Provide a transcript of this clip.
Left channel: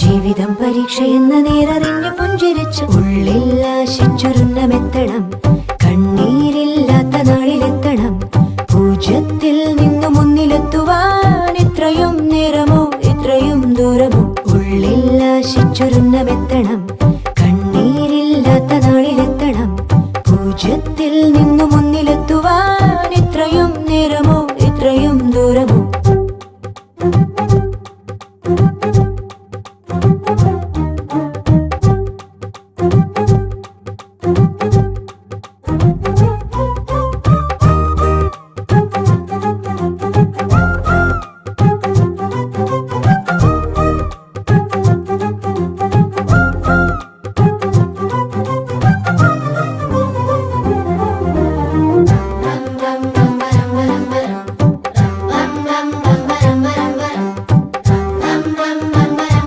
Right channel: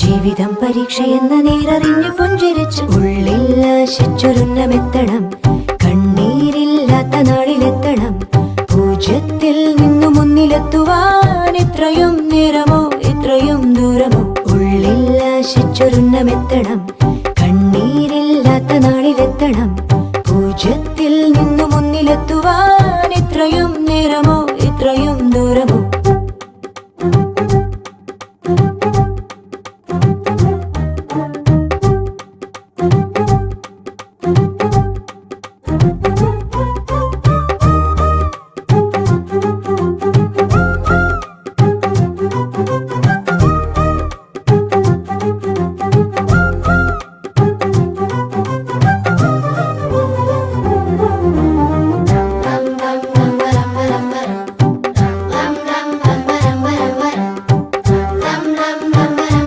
ജീവിതം പരീക്ഷയെന്ന നേരറിഞ്ഞു പുഞ്ചിരിച്ച് ഉള്ളിൽ ആശിച്ചൊരുന്നമെത്തണം. കണ്ണീരില്ലാത്ത നാളിലെത്തണം. പൂജ്യത്തിൽ നിന്നു മുന്നിലെത്തുവാൻ ഇത്രയും നേരമോ ഇത്രയും ദൂരമോ? ഉള്ളിൽ ആശിച്ചൊരുന്നമെത്തണം. കണ്ണീരില്ലാത്ത നാളിലെത്തണം. പൂജ്യത്തിൽ നിന്നു മുന്നിലെത്തുവാൻ ഇത്രയും നേരമോ ഇത്രയും